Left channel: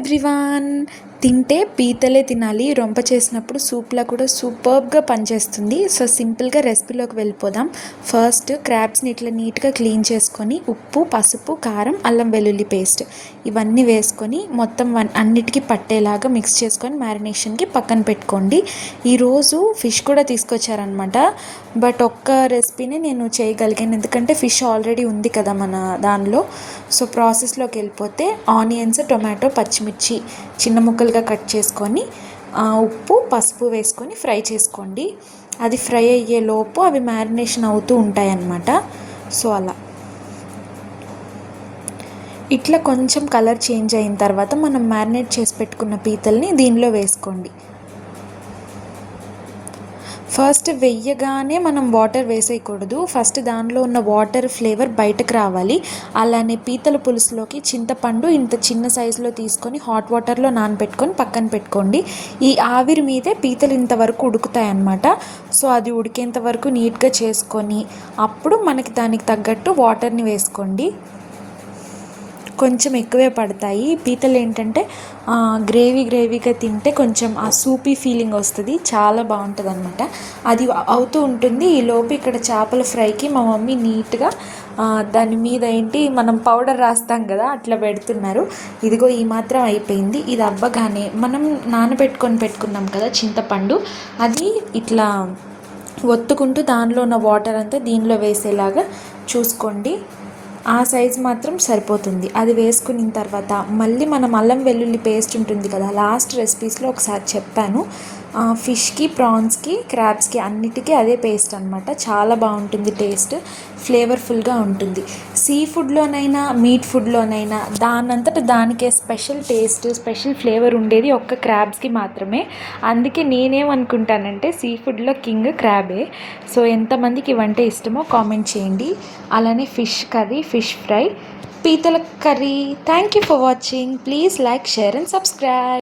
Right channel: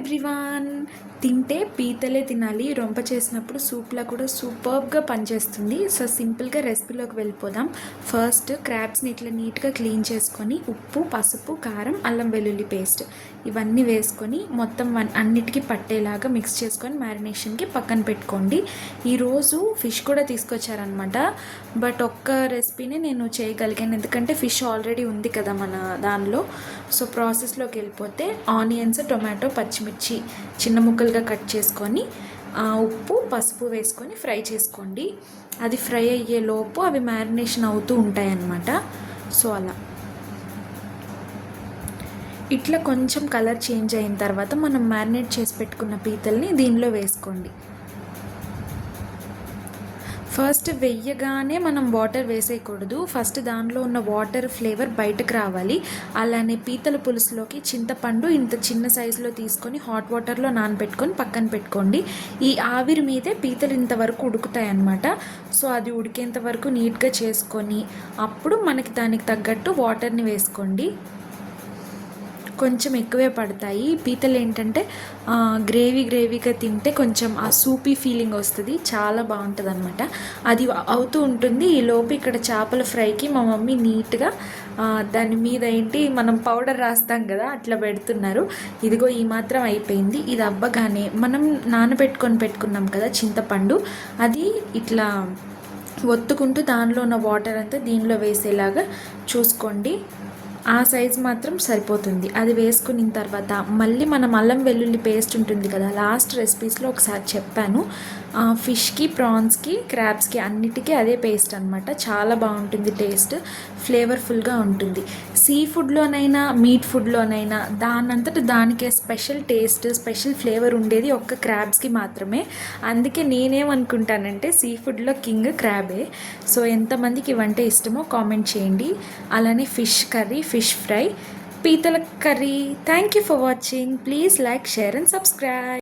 Everyone. తింటే పీతలే తినాలి. రొంప చేసినప్పుడు సూప్లా కూడా సూపర్బ్గా పనిచేస్తుంది. సో సింపుల్గా రెసిపీలోకి వెళ్ళిపోదాం. ఫస్ట్ క్రాబ్స్ని ఇట్లా నీట్గా క్లీన్ చేసుకొని ఉప్పు, పసుపు, కారం, అల్లం వెల్లుల్లి పేస్ట్ ఇవన్నీ వేసుకొని మొత్తం అన్నిటికీ పట్టేలాగా మిక్స్ చేసుకొని మ్యారినేషన్కి పక్కన పెట్టుకోండి. ఈరోజు ఫిష్ కూడా తీసుకొచ్చారనమాట. బట్ ఒక్క రెసిపీని నేను చేయగలిగాను, ఎందుకంటే ఫిష్ ఆల్రెడీ ఉంది కదా మన దానిలో. సో ప్రాసెస్లోకి వెళ్ళిపోతే ఆనియన్స్, టొమాటో, పచ్చిమిర్చి చిన్న ముక్కలుగా కట్ చేసుకొని ఉప్పు, పసుపు వేసుకొని ఫ్రై చేసుకోండి. అది ఫ్రై అయ్యే లోపు అవి మ్యారినేషన్ అవుతూ ఉంటాయన్నమాట. సో అలా ఇట్లా కొంచెం కలర్ చేంజ్ అయిన తర్వాత మనం మ్యారినేట్ చేసి పెట్టుకున్న పీతల్ని దీనిలో వేసుకోండి. ఫస్ట్ వెయ్యగానే మనం వాటర్ వేసేయకూడదు. ఫస్ట్ దానిలో ఉన్న వాటర్ ఫ్లేవర్ బయటకు రావాలి. అలానే పీతల పులుసులోకి చింతపండు ఇంత చిన్న సైజులో తీసుకొని హాట్ వాటర్లో నానబెట్టుకొని పక్కన పెట్టుకోండి. ఈ ఆవిరి మీదే పీతలు ఇంతవరకు ఉడుకుతాయి అన్నమాట. సో అది ఉడికేంత వరకు నీట్గా చేసుకొని అప్పుడు మనకి దానికి తగ్గట్టు వాటర్ని వేసుకోండి. కొంచెం ఎక్కువే పడతాయి. పీతలు ఏంటంటే గ్రేవీగా తింటే కొంచెం ఆ సూపీ ఫీలింగ్ వస్తుంది, చాలా బాగుంటుంది అనమాట. అది అవుతూ ఉంటుంది. ఈలోపు ఇక్కడ చేపల ఫ్రైకి మా మమ్మీ నీట్గా దాని మీద మనం పౌడర్ రాస్తాం కదా, అట్లా పెడుతున్నారు. ఇదిగో ఈ మాత్రం అయిపోయింది. ఇది అవ్వగానే మనం పెట్టుకున్నాం కదా చింతపండు, అది ఇట్లా ఒత్తుకుంటూ దానిలో ఉన్న వాటర్ అంతా దీనిలో వేసేలాగా చూసుకోండి. ఆ సైజ్ మాత్రం సరిపోతుంది. అది వేసుకున్న తర్వాత మళ్ళీ మనం అల్లం వెల్లుల్లి పేస్ట్ ఉంటుంది కదా, లాస్ట్ రెసిపీస్లో ఒకసారి చెప్పాను. ఫిష్కి, ప్రాన్స్కి, క్రాబ్స్కి అన్నిటికీ అదే పేస్ట్ అనమాట. చాలా బాగుంటుంది, టేస్ట్ ఫ్లేవర్ఫుల్గా ఉంటుంది. సీ ఫుడ్లోనైనా మీట్ ఫుడ్లోనైనా దానంతట దానికే స్పెషల్ టేస్ట్, స్పెషల్ ఫ్లేవర్ ఉండేది ఒక్క క్రాబ్స్కి మాత్రమే. అందుకే నేనేమనుకుంటానంటే సీ ఫుడ్లో కింగ్ క్రాబే. సో ఎంతమందికి వంట ఇష్టమో కామెంట్ చేయండి. అలానే ఫిష్ కర్రీ, ఫిష్ ఫ్రై, పీతల curry. Thank you for watching. Please like, share and subscribe.